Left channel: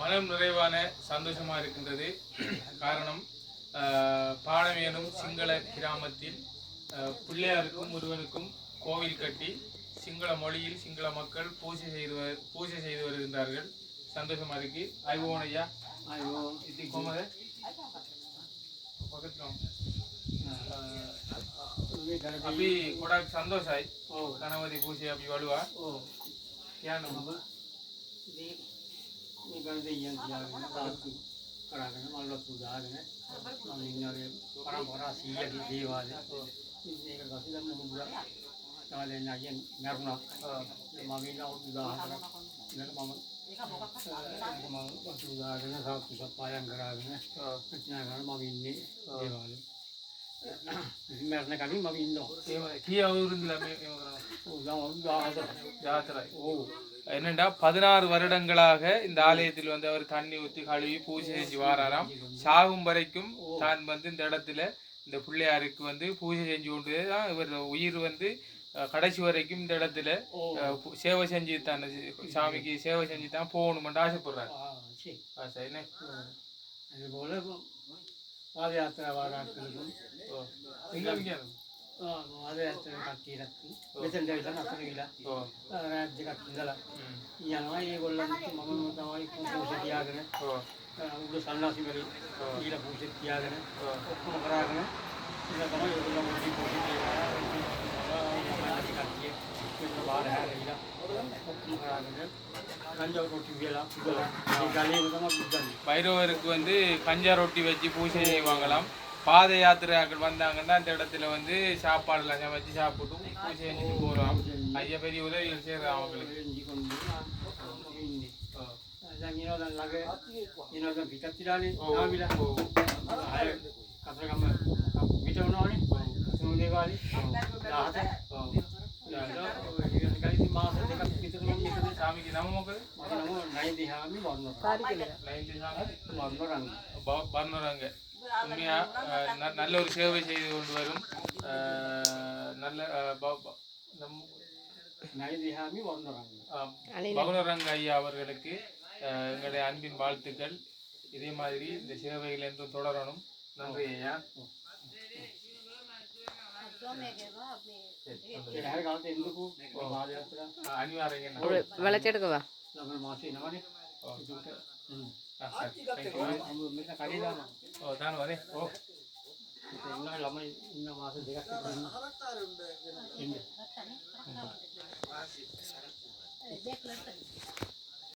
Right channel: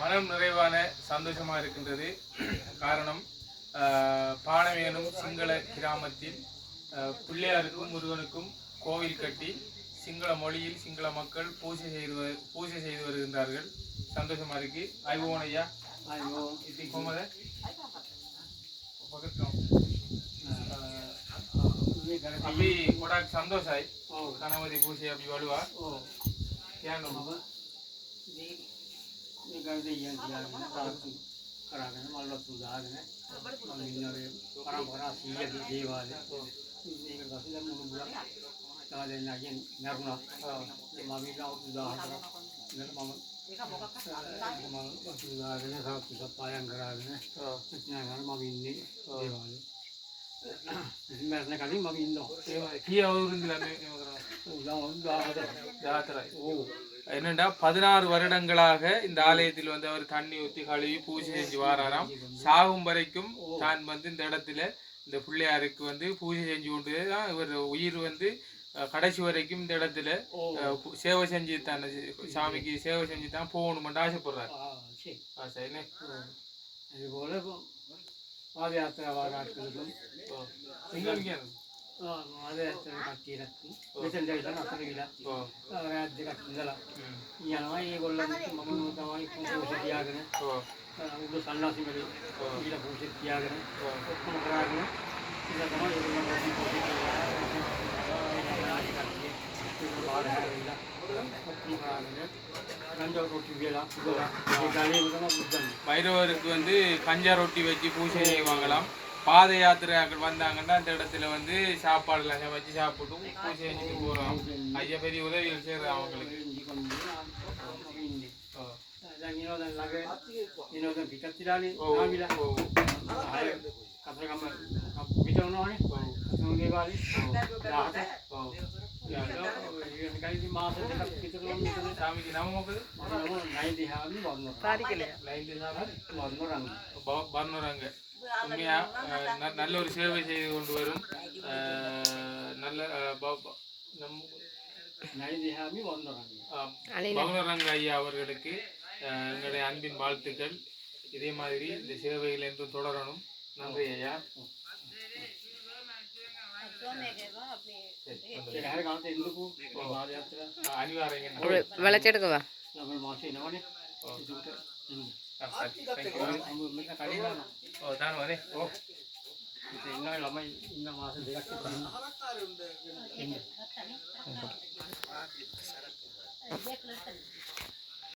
மனம் நிறைவான சந்தோஷமா இருக்கின்றது. காரணம் பாணவேனும் சிங்கள கிராமத்தில் பிள்ளையாருக்கும் முருகனுக்கும் கோவில் கட்டி சிங்கள மொழியில் சிங்கள மக்கள் பூஜை செய்து வருகின்றார்கள். சந்தோஷமா இருக்கு. ஐவோன் ஐயா अभी थोड़ा संतोष है गणपति पूजे अभी वालुआ क्या नाम ये गणपति यंग जाग ने ताकि कराने मालूम तो जाग ने मालूम परंपरा सीया की देवाले ये का काफी लंबा मुद्रा ताले नायन नरना मामी ना उदाहरण ने मामा मामा उदाहरण ने सब कुछ पायन कराने इतना घर मामी ने देवाले என்னண்டா 16 வருடங்களாக இந்த ஆலயத்தில் வந்து அவர் தண்ணி ஊற்றி கழுவி பூஜை செஞ்சு வாராராம். சாகும் வரைக்கும் தான் வந்து இந்த இடத்துல இந்த பிள்ளையாருக்கு வந்து பூஜை செஞ்சு கொண்டு இவர் உயிர் வந்து கடைசி வரைக்கும் இந்த இடத்துல சேவை செஞ்சு தான் சாமிக்கு சேவை செஞ்சு தான் போகணுமென்று ஆசைப்படுறாரு. பாதயாத்திரை வாராட்களுக்கும் பாதயாத்திரை கட்டியிருக்கு මෙතෙන්දවිලා නතර ගිලා රාජ්‍ය කට්ටියලා යනවා ඒගොල්ලන් මම තමයි පූජා තියාගෙන උඩ සන්නාසි වල ඊළ පූජා තියාගෙන ඔක්කොම කරාගෙන ඉතින් තමයි ඒගොල්ලන් මොකද පූජා කරලා ළමයි කට්ටිය ඒක බාහිර හැරිලා ඔක්කොම කරාගෙන கஞ்சா ரொட்டி வேலா பைரவருக்கு வந்து கஞ்சா ரொட்டி வச்சு பூஜை செய்வாங்களாம். பாத யாத்திரையாக்கள் வந்தாங்கன்னா அந்த இடத்துல வந்து சாப்பாடுலாம் சமைச்சு சாப்பிட்டு பூஜை செஞ்சுட்டு போகிறோம். ஐயா பெரிய உதவிகள் செய்கிறான் அவங்களுக்கு. சாமிக்கு நம்ம வர்ணராங்க உண்மையா நல்ல ஒரு சேவை செய்து கொண்டு வரும் நல்ல பகுனரங்க ஐயா அவர்களுக்கு எங்களுடைய அன்பின் வாழ்த்துக்கள். இதே மாதிரி இந்த சேவைகள் என்றும் தொடரணும். நன்றி ஐயா. వెళచెడుకువా lamai